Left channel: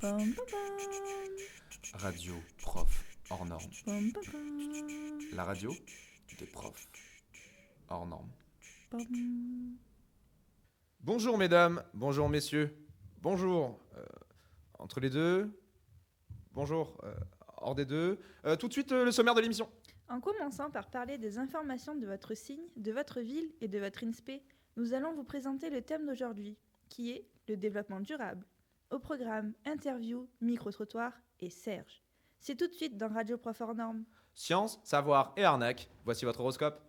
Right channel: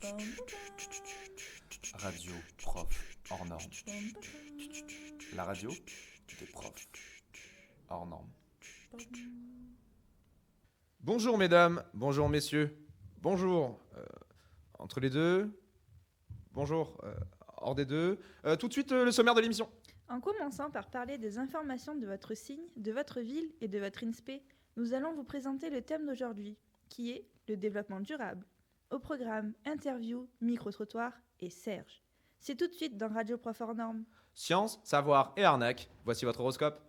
Pam, pam, Radio prof hors norme. pam, pam, pam, La radio des profs hors norme. pam. Bonjour mesdames, bonjour messieurs, bonjour entre les deux, bonjour hors des deux. Tout de suite le sommaire de l'émission. En commençant par parler des informations de votre signe, de votre ville et de votre INSPE, nous allons vous présenter le thème d'aujourd'hui, qui est le développement durable. Au programme, interview, micro-trottoir et Serge. C'est tout de suite dans Radio Prof hors norme. Science, savoir et arnaque, voici votre horoscope.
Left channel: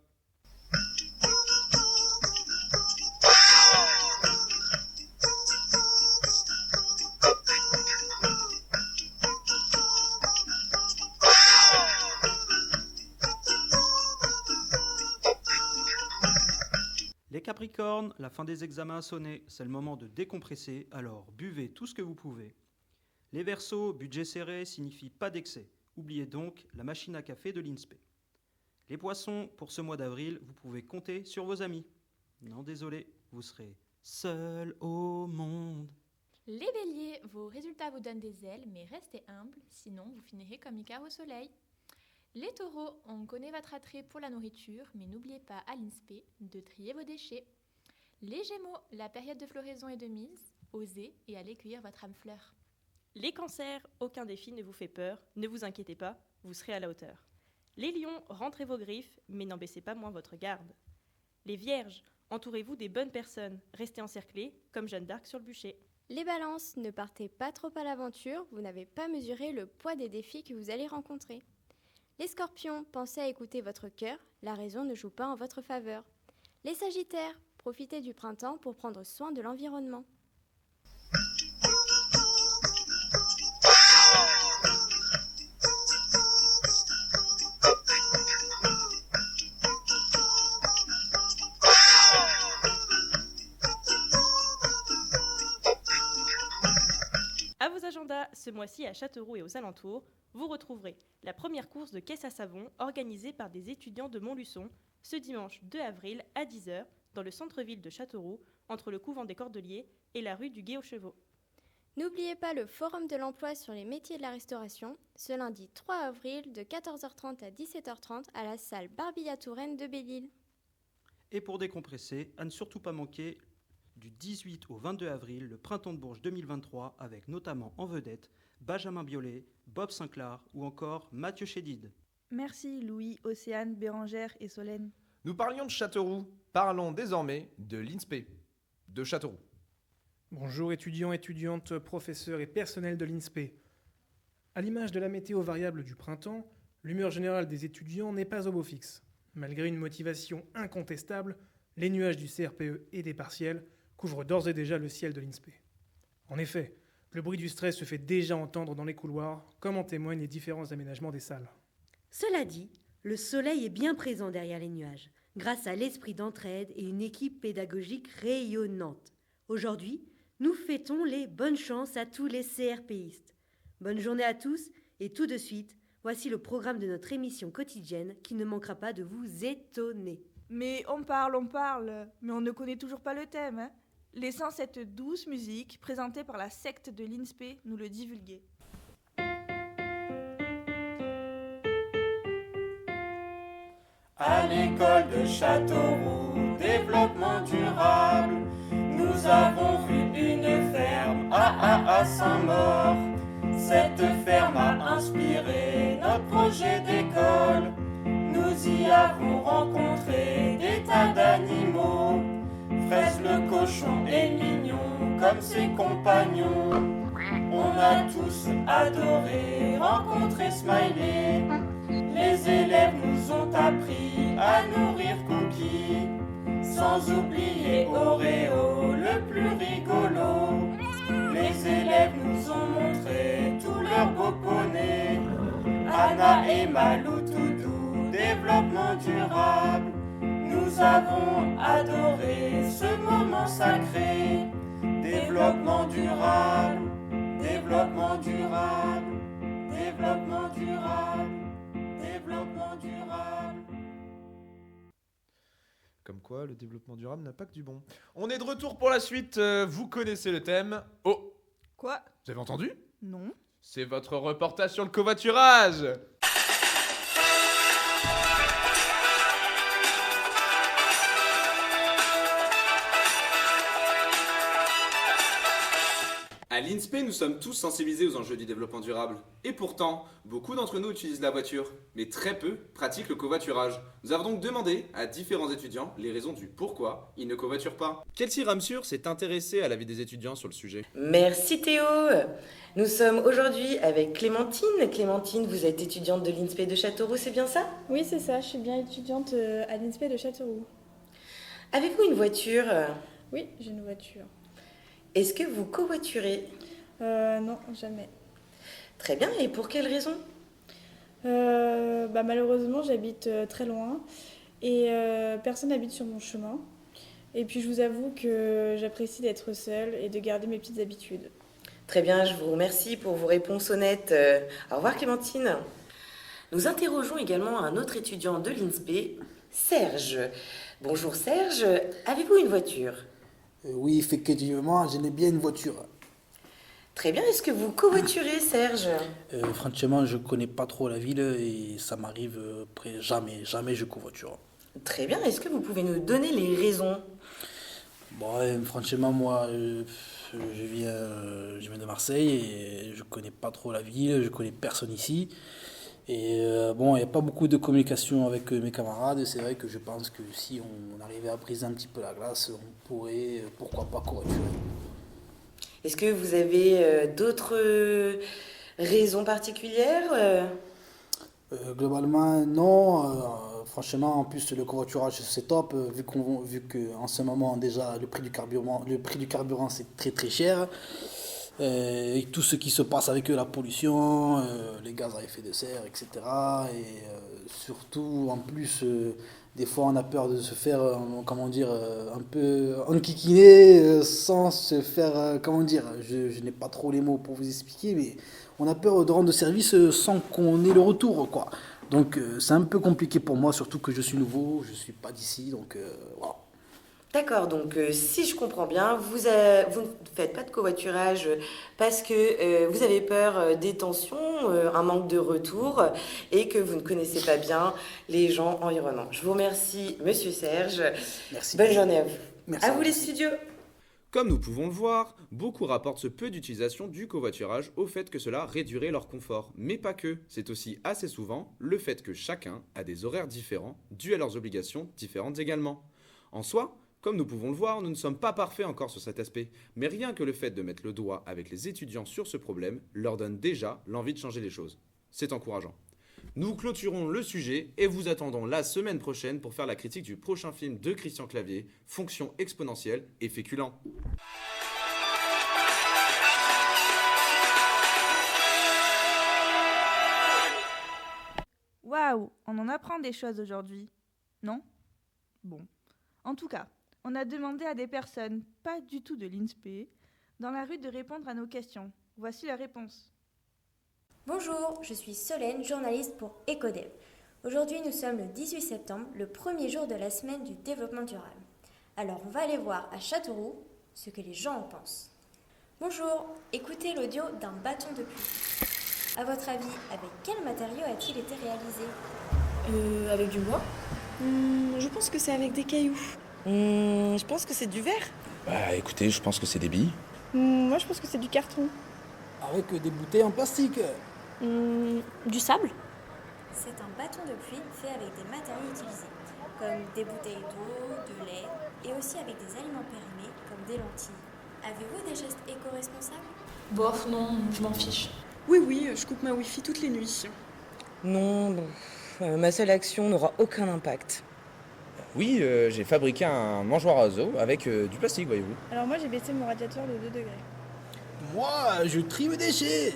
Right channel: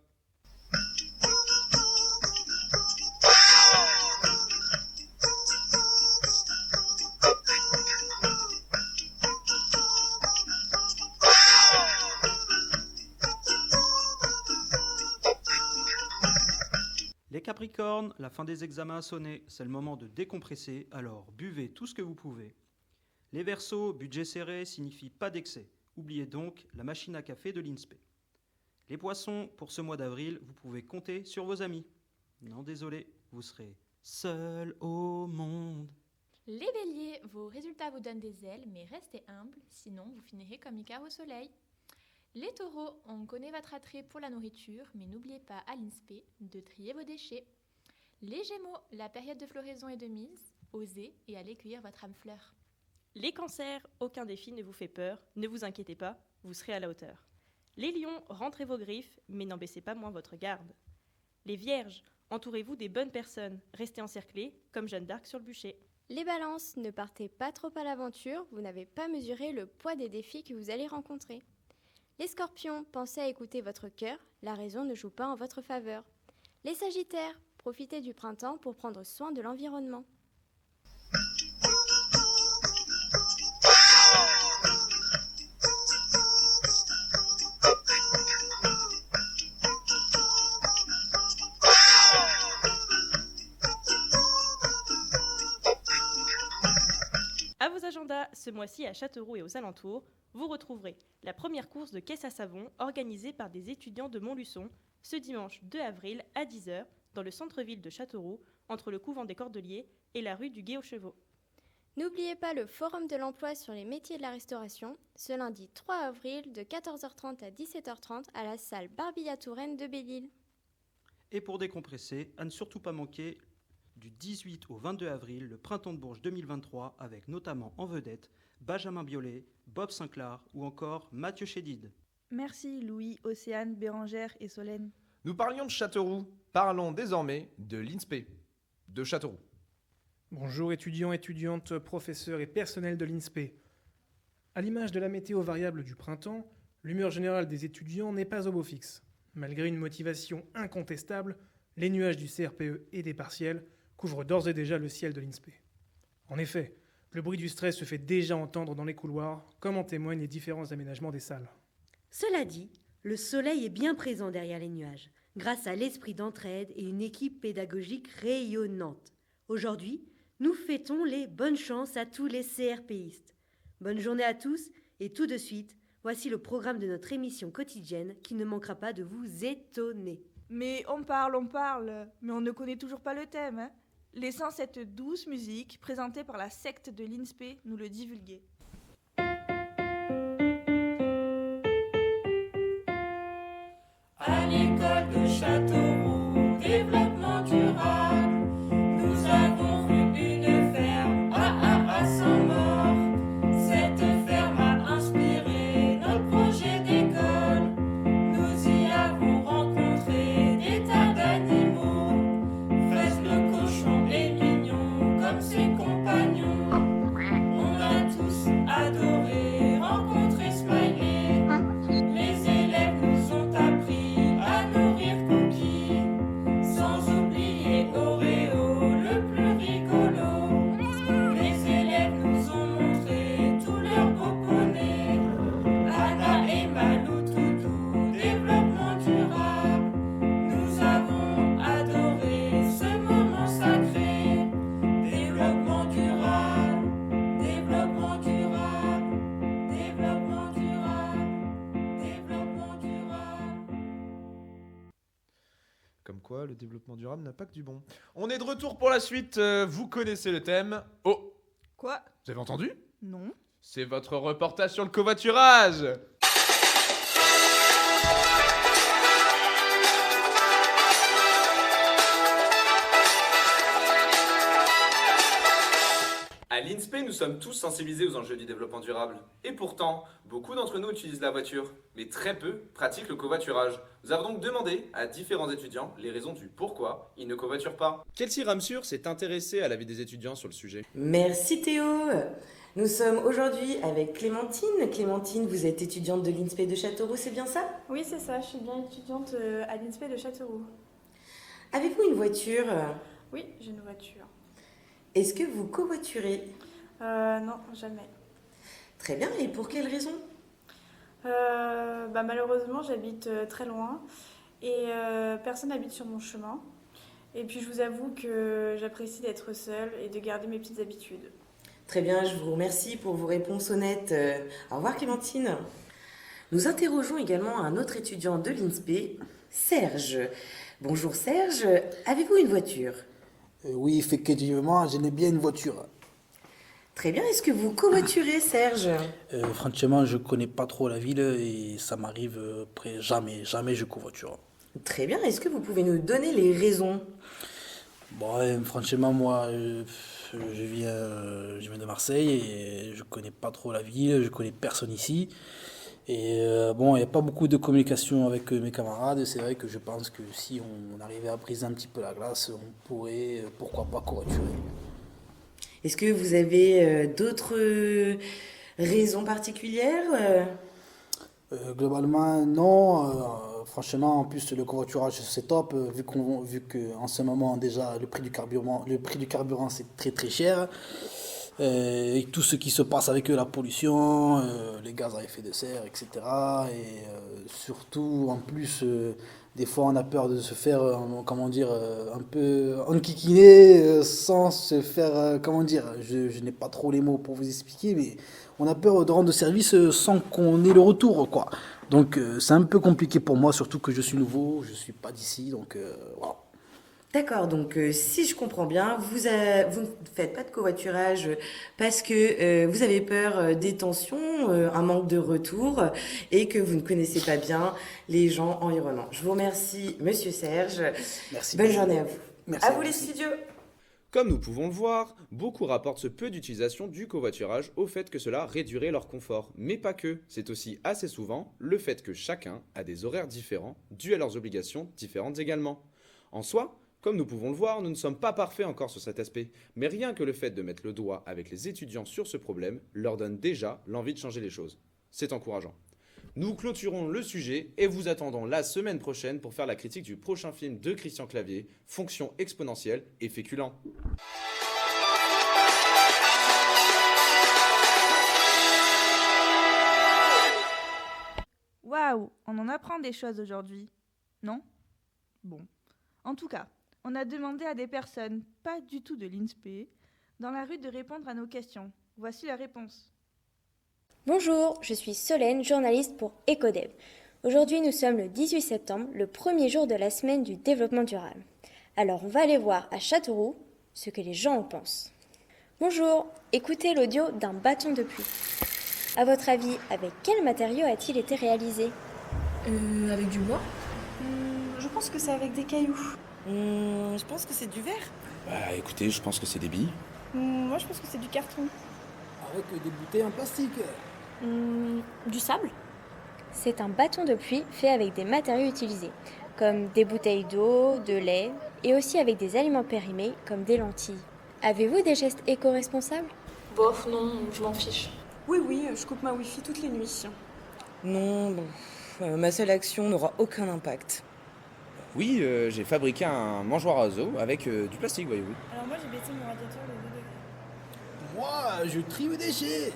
Les Capricornes, la fin des examens a sonné, c'est le moment de décompresser, alors buvez tout ce que vous pouvez. Les Verseaux, budget serré signifie pas d'excès, oubliez donc la machine à café de l'INSPE. Les Poissons, pour ce mois d'avril, vous pouvez compter sur vos amis. Non désolé, vous serez seul au monde. Les béliers, vos résultats vous donnent des ailes, mais restez humbles, sinon vous finirez comme Icare au soleil. Les taureaux, on connaît votre attrait pour la nourriture, mais n'oubliez pas à l'INSPE de trier vos déchets. Les gémeaux, la période de floraison est de mise, osez et allez cueillir votre âme fleur. Les cancers, aucun défi ne vous fait peur, ne vous inquiétez pas, vous serez à la hauteur. Les lions, rentrez vos griffes, mais n'en baissez pas moins votre garde. Les vierges, entourez-vous des bonnes personnes, restez encerclés comme Jeanne d'Arc sur le bûcher. Les balances, ne partez pas trop à l'aventure, vous n'avez pas mesuré le poids des défis que vous allez rencontrer. Les scorpions, pensez à écouter votre cœur, la raison ne joue pas en votre faveur. Les sagittaires, profitez du printemps pour prendre soin de l'environnement. À vos agendas, ce mois-ci à Châteauroux et aux alentours, vous retrouverez la première course de caisse à savon organisée par des étudiants de Montluçon ce dimanche 2 avril à 10h dans le centre-ville de Châteauroux, entre le couvent des Cordeliers et la rue du Gué aux Chevaux. N'oubliez pas le Forum de l'emploi sur les métiers de la restauration, ce lundi 3 avril de 14h30 à 17h30 à la salle Barbilla-Touraine de Belle-Île. Et pour décompresser, à ne surtout pas manquer, du 18 au 22 avril, le Printemps de Bourges 2023, avec notamment en vedette Benjamin Biolay, Bob Sinclair ou encore Mathieu Chédid. Merci Louis, Océane, Bérangère et Solène. Nous parlions de Châteauroux, parlons désormais de l'INSPE, de Châteauroux. Bonjour étudiants, étudiantes, professeurs et personnels de l'INSPE. À l'image de la météo variable du printemps, l'humeur générale des étudiants n'est pas au beau fixe. Malgré une motivation incontestable, les nuages du CRPE et des partiels couvrent d'ores et déjà le ciel de l'INSPE. En effet, le bruit du stress se fait déjà entendre dans les couloirs, comme en témoignent les différents aménagements des salles. Cela dit, le soleil est bien présent derrière les nuages, grâce à l'esprit d'entraide et une équipe pédagogique rayonnante. Aujourd'hui, nous fêtons les bonnes chances à tous les CRPistes. Bonne journée à tous et tout de suite, voici le programme de notre émission quotidienne qui ne manquera pas de vous étonner. Mais on parle, mais on ne connaît toujours pas le thème, hein. Laissant cette douce musique présentée par la secte de l'INSPE nous le divulguer. À l'école de Châteauroux, développement durable, nous avons vu une ferme à Saint-Maur. Cette ferme a inspiré notre projet d'école. Nous y avons rencontré des tas d'animaux. Fraise le cochon est mignon comme ses compagnons. On a tous adoré rencontrer Smiley. Les élèves nous ont appris à nourrir Cookie, sans oublier Oreo, le plus rigolo. Les élèves nous ont montré tous leurs beaux poneys. Anna et Malou Toutou, développement durable. Nous avons adoré ce moment sacré. Développement durable, développement durable, développement durable, développement durable. Comme quoi, le développement durable n'a pas que du bon. On est de retour pour la suite, vous connaissez le thème. Oh, Quoi ? vous avez entendu ? Non. C'est votre reportage sur le covoiturage. À l'INSPE, nous sommes tous sensibilisés aux enjeux du développement durable. Et pourtant, beaucoup d'entre nous utilisent la voiture, mais très peu pratiquent le covoiturage. Nous avons donc demandé à différents étudiants les raisons du pourquoi ils ne covoiturent pas. Kelsey Ramsur s'est intéressée à l'avis des étudiants sur le sujet. Merci Théo. Nous sommes aujourd'hui avec Clémentine. Clémentine, vous êtes étudiante de l'INSPE de Châteauroux, c'est bien ça? Oui, c'est ça, je suis bien étudiante à l'INSPE de Châteauroux. Avez-vous une voiture? Oui, j'ai une voiture. Est-ce que vous covoiturez? Non, jamais. Très bien, et pour quelle raison? Malheureusement, j'habite très loin et personne n'habite sur mon chemin. Et puis je vous avoue que j'apprécie d'être seule et de garder mes petites habitudes. Très bien, je vous remercie pour vos réponses honnêtes. Au revoir Clémentine. Nous interrogeons également un autre étudiant de l'INSPE, Serge. Bonjour Serge, avez-vous une voiture? Oui, effectivement, je n'ai bien une voiture. Très bien, est-ce que vous covoiturez Serge? Franchement, je connais pas trop la ville et ça m'arrive jamais je covoiture. Très bien, est-ce que vous pouvez nous donner les raisons? Bon, franchement, moi, je viens de Marseille et je connais pas trop la ville, je connais personne ici. Et il n'y a pas beaucoup de communication avec mes camarades. C'est vrai que je pense que si on arrivait à briser un petit peu la glace, on pourrait, pourquoi pas, covoiturer. Est-ce que vous avez d'autres raisons particulières? Globalement, non. Franchement, en plus, le covoiturage, c'est top, vu qu'en ce moment, déjà, le prix du carburant, c'est très très cher. Et tout ce qui se passe avec la pollution, les gaz à effet de serre, etc. Et surtout, en plus, des fois, on a peur de se faire, un peu enquiquiner sans se faire, je n'ai pas trop les mots pour vous expliquer, mais on a peur de rendre service sans qu'on ait le retour, quoi. Donc, c'est un peu compliqué pour moi, surtout que je suis nouveau, je ne suis pas d'ici, donc voilà. D'accord, donc si je comprends bien, vous ne faites pas de covoiturage parce que vous avez peur des tensions, un manque de retour et que vous ne connaissez pas bien les gens environnants. Je vous remercie, Monsieur Serge. Merci. Bonne journée à vous. Merci. À vous les studios. Comme nous pouvons le voir, beaucoup rapportent ce peu d'utilisation du covoiturage au fait que cela réduirait leur confort. Mais pas que, c'est aussi assez souvent le fait que chacun a des horaires différents, dus à leurs obligations différentes également. En soi, comme nous pouvons le voir, nous ne sommes pas parfaits encore sur cet aspect, mais rien que le fait de mettre le doigt avec les étudiants sur ce problème leur donne déjà l'envie de changer les choses. C'est encourageant. Nous clôturons le sujet et vous attendons la semaine prochaine pour faire la critique du prochain film de Christian Clavier, Fonction exponentielle et féculent. Waouh, on en apprend des choses aujourd'hui. Non? Bon. En tout cas, on a demandé à des personnes, pas du tout de l'INSPE, dans la rue de répondre à nos questions. Voici la réponse. Bonjour, je suis Solène, journaliste pour Ecodev. Aujourd'hui, nous sommes le 18 septembre, le premier jour de la semaine du développement durable. Alors, on va aller voir à Châteauroux ce que les gens en pensent. Bonjour, écoutez l'audio d'un bâton de pluie. À votre avis, avec quel matériau a-t-il été réalisé? Avec du bois. Je pense que c'est avec des cailloux. Je pense que c'est du verre. Bah écoutez, je pense que c'est des billes. Moi, je pense que c'est du carton. Avec des bouteilles en plastique. Du sable? C'est un bâton de pluie fait avec des matériaux utilisés, comme des bouteilles d'eau, de lait, et aussi avec des aliments périmés, comme des lentilles. Avez-vous des gestes éco-responsables? Bof, non, je m'en fiche. Oui, je coupe ma Wi-Fi toutes les nuits. Non, ma seule action n'aura aucun impact. Oui, j'ai fabriqué un mangeoire à oiseaux avec du plastique, voyez-vous. Alors moi, j'ai baissé mon radiateur de 2 degrés. Moi, je trie mes déchets.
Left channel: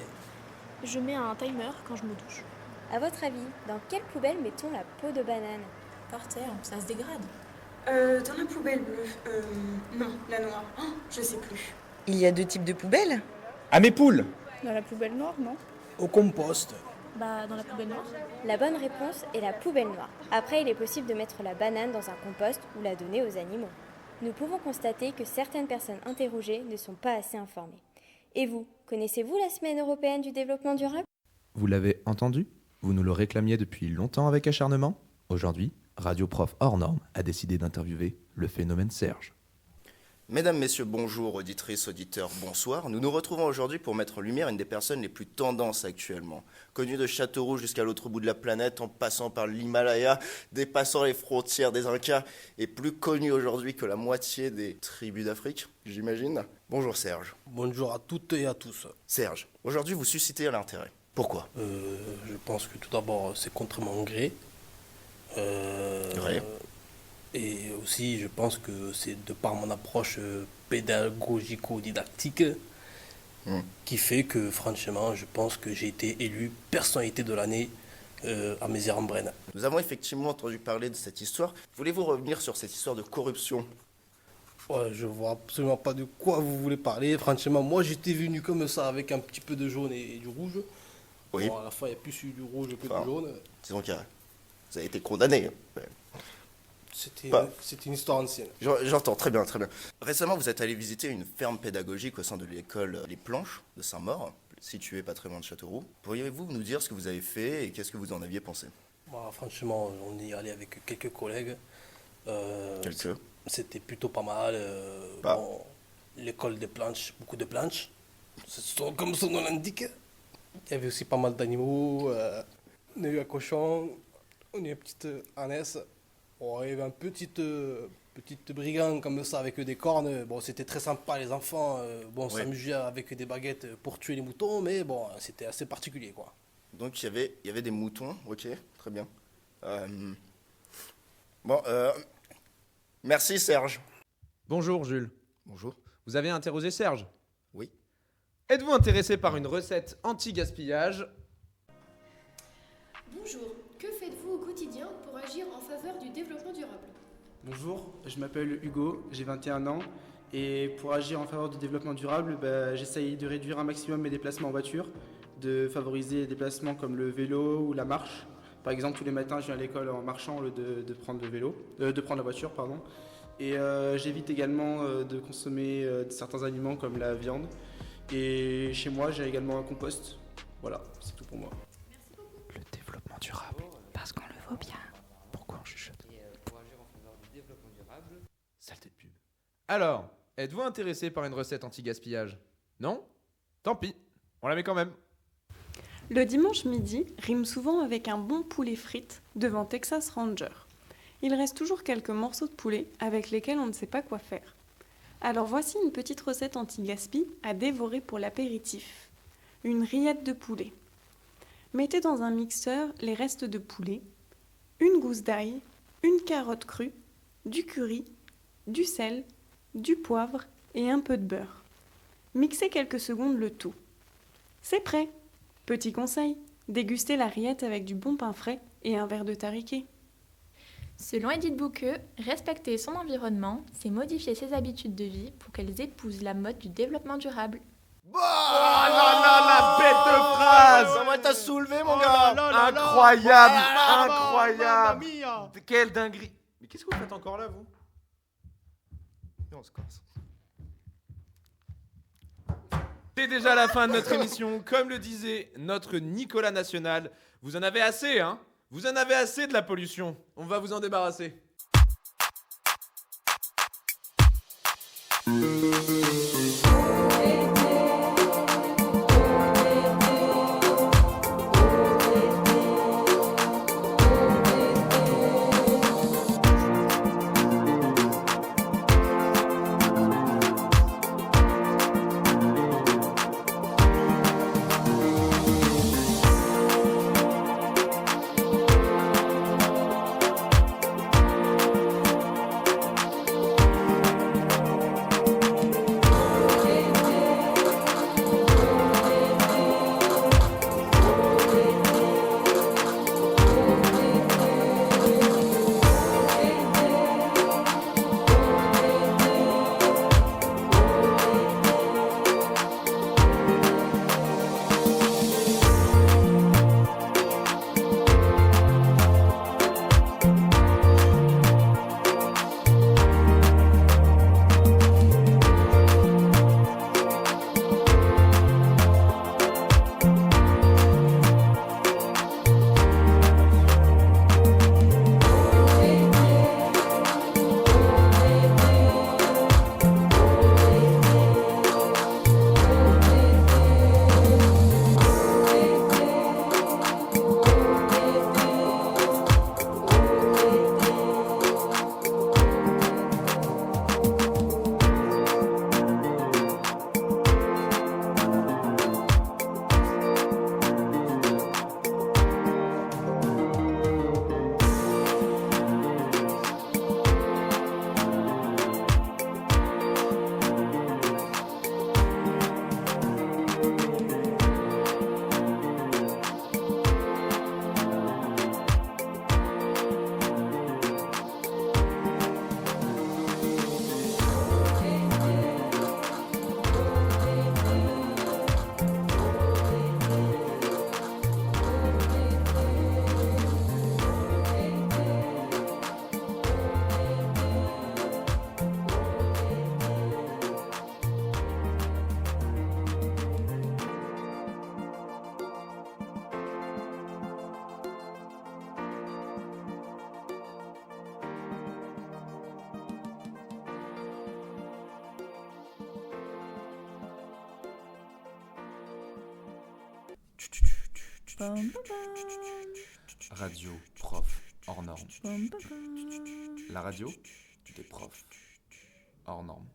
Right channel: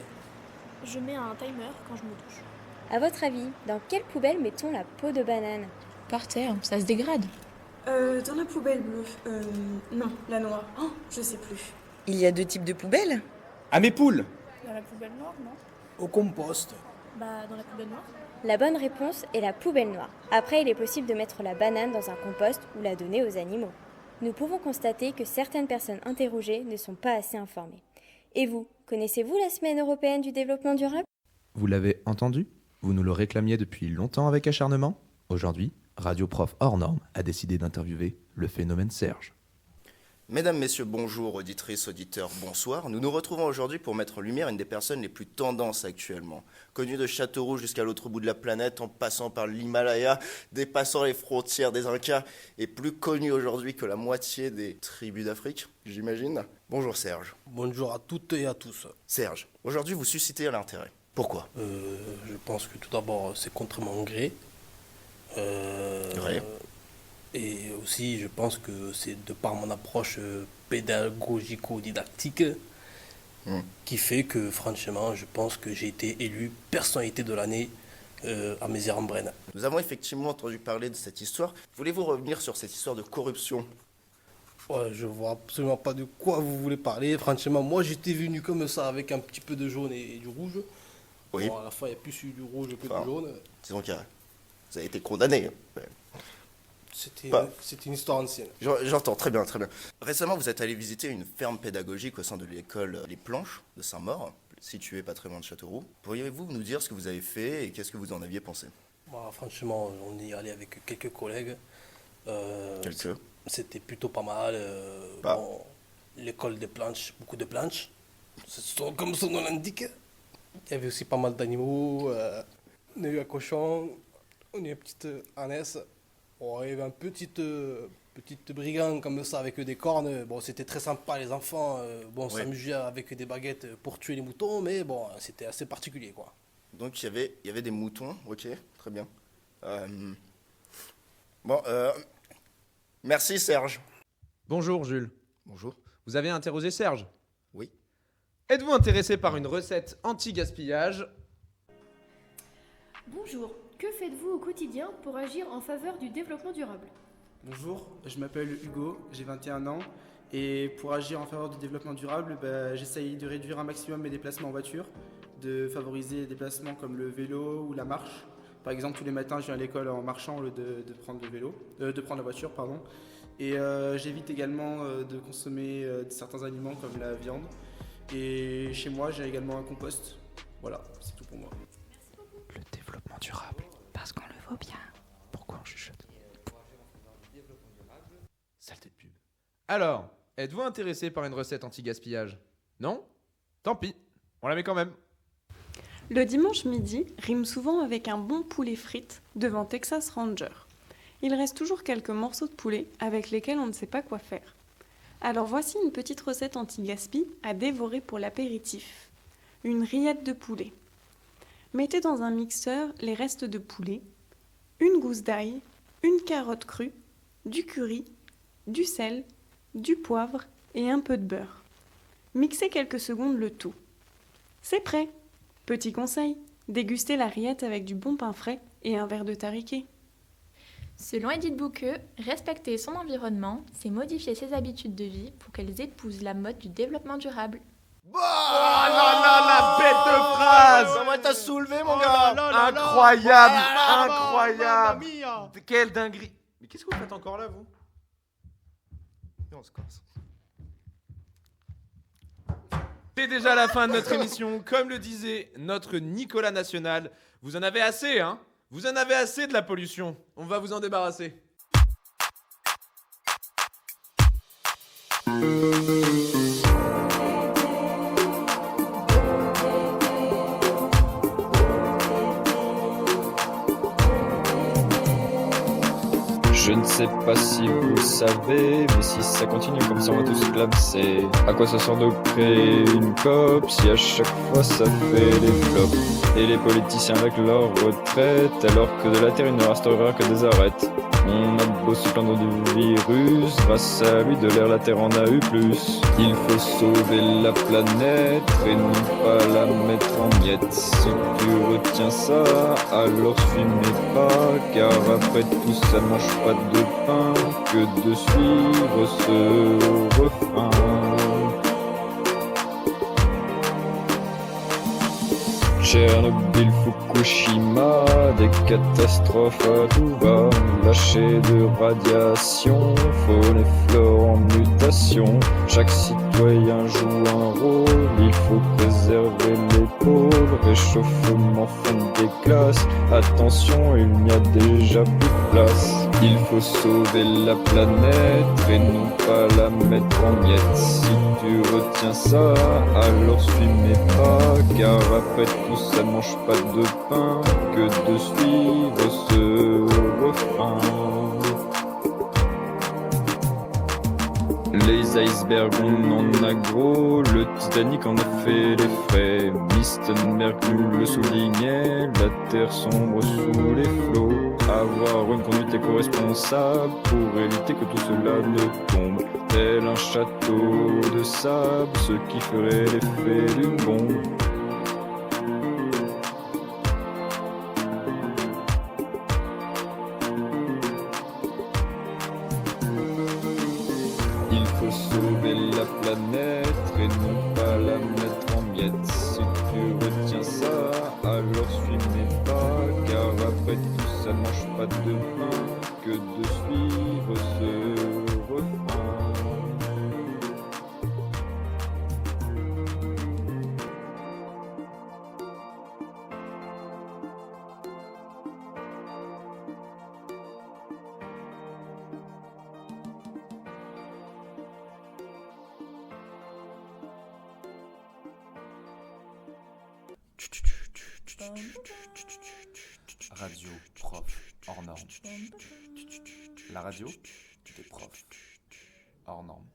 Je mets un timer quand je me douche. À votre avis, dans quelle poubelle mettons la peau de banane? Par terre, ça se dégrade. Dans la poubelle bleue. Non, la noire. Oh, je sais plus. Il y a 2 types de poubelles? À mes poules! Dans la poubelle noire, non? Au compost. Dans la poubelle noire. La bonne réponse est la poubelle noire. Après, il est possible de mettre la banane dans un compost ou la donner aux animaux. Nous pouvons constater que certaines personnes interrogées ne sont pas assez informées. Et vous, Connaissez-vous la Semaine européenne du développement durable? Vous l'avez entendu? Vous nous le réclamiez depuis longtemps avec acharnement? Aujourd'hui, Radio Prof hors norme a décidé d'interviewer le phénomène Serge. Mesdames, Messieurs, bonjour, auditrices, auditeurs, bonsoir. Nous nous retrouvons aujourd'hui pour mettre en lumière une des personnes les plus tendances actuellement. Connue de Châteauroux jusqu'à l'autre bout de la planète, en passant par l'Himalaya, dépassant les frontières des Incas, et plus connue aujourd'hui que la moitié des tribus d'Afrique, j'imagine. Bonjour Serge. Bonjour à toutes et à tous. Serge, aujourd'hui vous suscitez l'intérêt. Pourquoi? Je pense que tout d'abord c'est contre mon gré. Ouais. Et aussi, je pense que c'est de par mon approche pédagogico-didactique qui fait que, franchement, je pense que j'ai été élu personnalité de l'année à Mézières-en-Brenne. Nous avons effectivement entendu parler de cette histoire. Voulez-vous revenir sur cette histoire de corruption? Ouais, je vois absolument pas de quoi vous voulez parler. Franchement, moi, j'étais venu comme ça avec un petit peu de jaune et du rouge. Oui. Bon, à la fin, il y a plus eu du rouge que du jaune. Disons que vous avez été condamné. C'était une histoire ancienne. J'entends, très bien, très bien. Récemment, vous êtes allé visiter une ferme pédagogique au sein de l'école Les Planches de Saint-Maur, située pas très loin de Châteauroux. Pourriez-vous nous dire ce que vous avez fait et qu'est-ce que vous en aviez pensé? Franchement, on y est allé avec quelques collègues. Quelques? C'était plutôt pas mal. Bon, l'école des planches, beaucoup de planches. Comme son nom l'indique. Il y avait aussi pas mal d'animaux. On a eu un cochon, on a eu une petite ânesse. Bon, il y avait un petite brigand comme ça avec des cornes. Bon, c'était très sympa, les enfants. On s'amusait avec des baguettes pour tuer les moutons, mais bon, c'était assez particulier, quoi. Donc il y avait des moutons, ok, très bien. Merci Serge. Bonjour Jules. Bonjour. Vous avez interrogé Serge? Oui. Êtes-vous intéressé par une recette anti-gaspillage? Bonjour, que faites-vous au quotidien pour agir en faveur du développement durable? Bonjour, je m'appelle Hugo, j'ai 21 ans et pour agir en faveur du développement durable, j'essaye de réduire un maximum mes déplacements en voiture, de favoriser les déplacements comme le vélo ou la marche. Par exemple, tous les matins, je viens à l'école en marchant au lieu de prendre la voiture, pardon. Et j'évite également de consommer certains aliments comme la viande. Et chez moi, j'ai également un compost. Voilà, c'est tout pour moi. Le développement durable, parce qu'on le vaut bien. Pourquoi on chuchote? Saleté de pub. Alors, êtes-vous intéressé par une recette anti-gaspillage? Non? Tant pis, on la met quand même. Le dimanche midi rime souvent avec un bon poulet frites devant Texas Ranger. Il reste toujours quelques morceaux de poulet avec lesquels on ne sait pas quoi faire. Alors voici une petite recette anti-gaspi à dévorer pour l'apéritif. Une rillette de poulet. Mettez dans un mixeur les restes de poulet, une gousse d'ail, une carotte crue, du curry, du sel, du poivre et un peu de beurre. Mixez quelques secondes le tout. C'est prêt! Petit conseil, dégustez la rillette avec du bon pain frais et un verre de tariquet. Selon Edith Bouqueux, respecter son environnement, c'est modifier ses habitudes de vie pour qu'elles épousent la mode du développement durable. Oh là là, la bête de phrase! Comment t'as soulevé, mon gars? Incroyable, incroyable! Quelle dinguerie! Mais qu'est-ce que vous faites encore là, vous? Et on se casse. C'est déjà la fin de notre émission. Comme le disait notre Nicolas National, vous en avez assez, hein? Vous en avez assez de la pollution. On va vous en débarrasser. Je ne sais pas si vous savez, mais si ça continue comme ça, on va tous se clamser. À quoi ça sert de créer une COP si à chaque fois ça fait des flops? Et les politiciens avec leur retraite, alors que de la terre il ne restera que des arêtes. On a beau se plaindre du virus, grâce à lui de l'air la terre en a eu plus. Il faut sauver la planète et non pas la mettre en miettes. Si tu retiens ça, alors tu n'es pas, car après tout ça ne mange pas de pain que de suivre ce refrain. Tchernobyl, Fukushima, des catastrophes à tout va. Lâcher de radiation, faune et flore en mutation. Chaque citoyen joue un rôle, il faut fait les frais. Piston, Mercure le soulignait, la terre sombre sous les flots. Avoir une conduite éco-responsable pour éviter que tout cela ne tombe. Tel un château de sable, ce qui ferait l'effet d'une bombe. Radio prof hors norme. La radio des profs hors norme.